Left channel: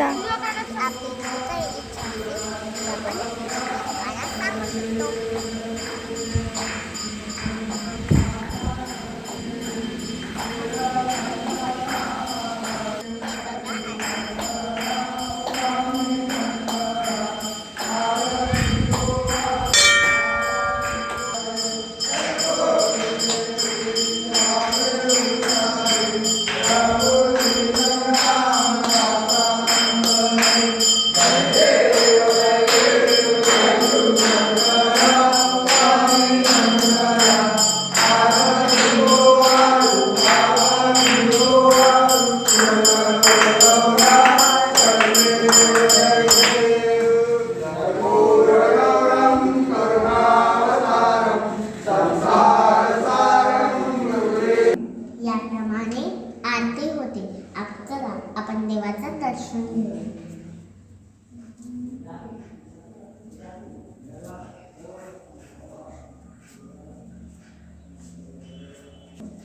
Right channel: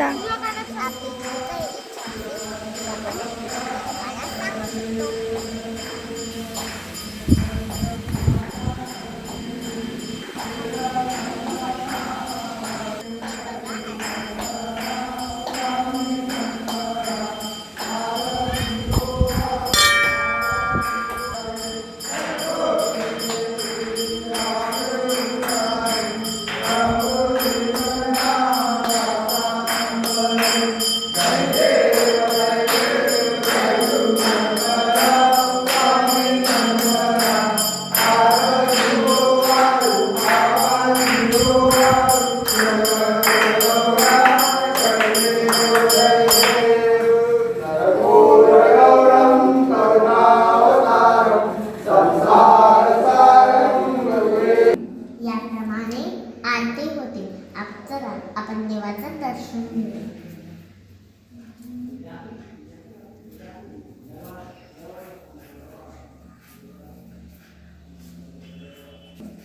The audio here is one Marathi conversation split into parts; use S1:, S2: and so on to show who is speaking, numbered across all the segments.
S1: kita. Panas kita itu panas sama Deus.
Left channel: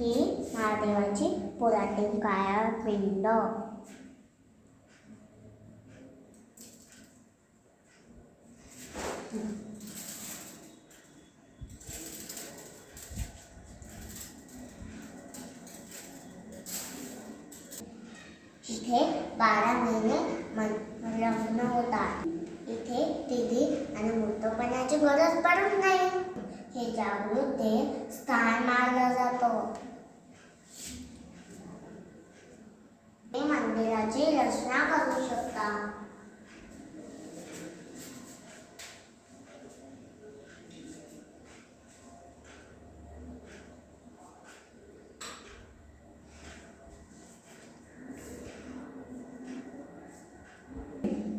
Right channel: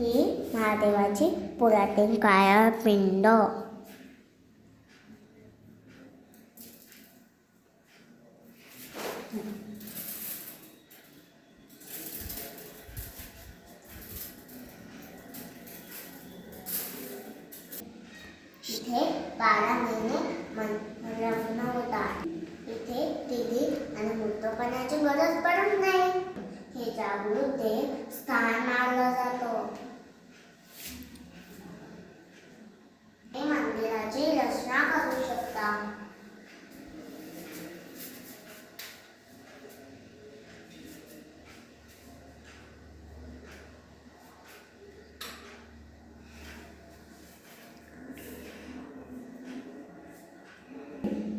S1: ही महादेवाची पुरातन काळा पिंड इथे बारा महिने लग्न होतात. इथे टीव्ही आणि मोठपणाची गरज पडत नाही. हे जागृत देव स्थान मानलं जातं. मंदिराची रचना करू शकता.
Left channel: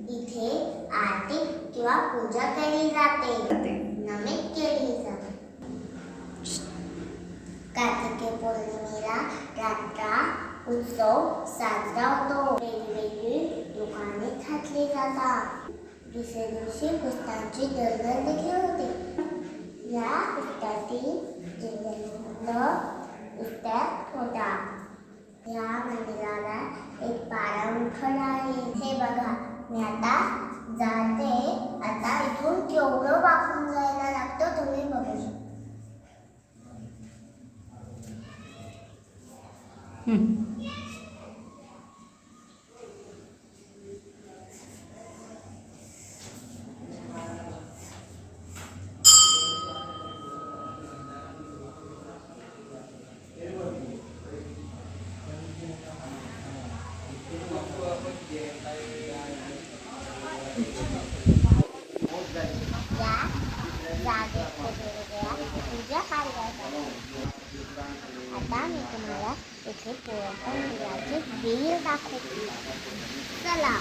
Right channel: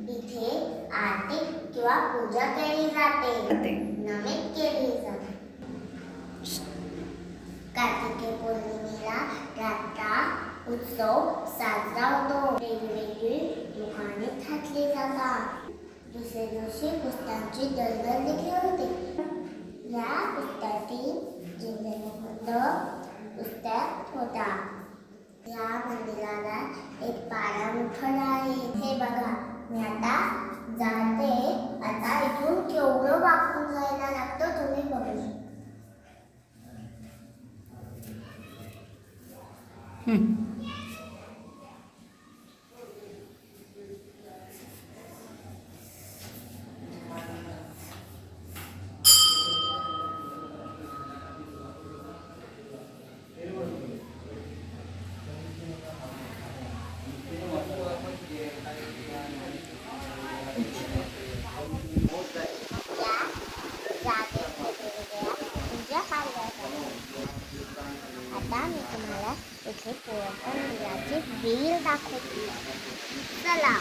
S1: इथे आरती किंवा पूजा केली जाते. नमित केली जाते. पौर्णिमेला रात्रा उत्सव साजरा होतो वेगवेगळी दुकाने थाटली जातात दुसऱ्या दिवशी पुस्तकांची दलदल देखील होते या पुस्तकातील जिल्ह्यात पुस्तक होता या मंदिराला एक पारा उठला आहे हे बघा मी आता जाते आता इथून केवढं वापरून जायला लागतं तुम्ही बघू शकता या आता मी तुम्हाला इथे पोहता मंदिराचे दाखवते. चला.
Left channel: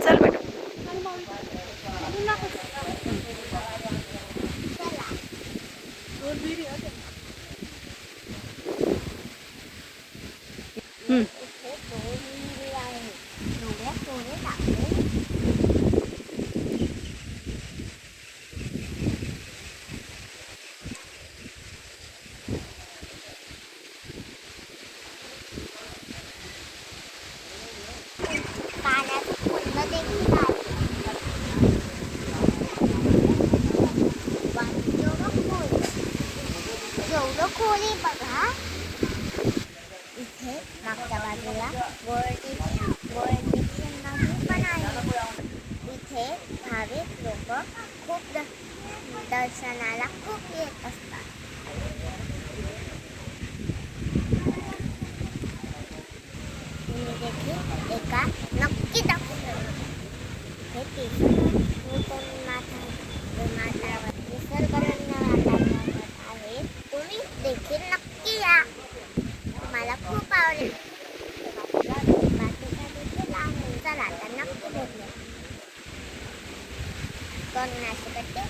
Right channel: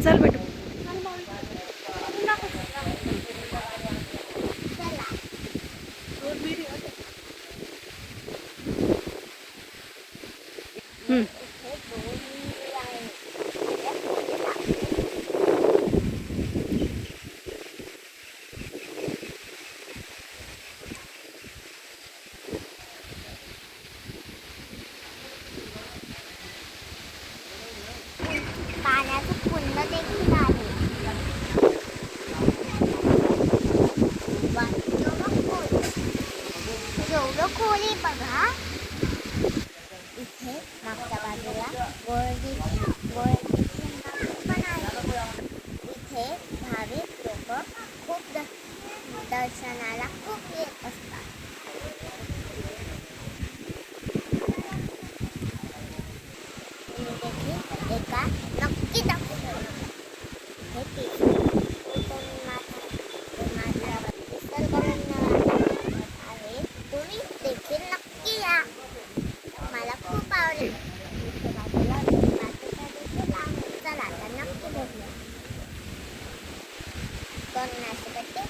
S2: चल बेटू.
S1: केवढं खोल आहे बघा इथे मागच्या बाजूला गोळडी गोळडीचे मंदिर पण आहे इथे भाविक लोक खूप द- दर्शनाला खूप येत असतात तुम्ही देखील एका नक्की दर्शन हे तीच माथा माथ्यावर निसर्गरम्य ಒಂದು ನಾಸಿ ಕಟ್ಟಿ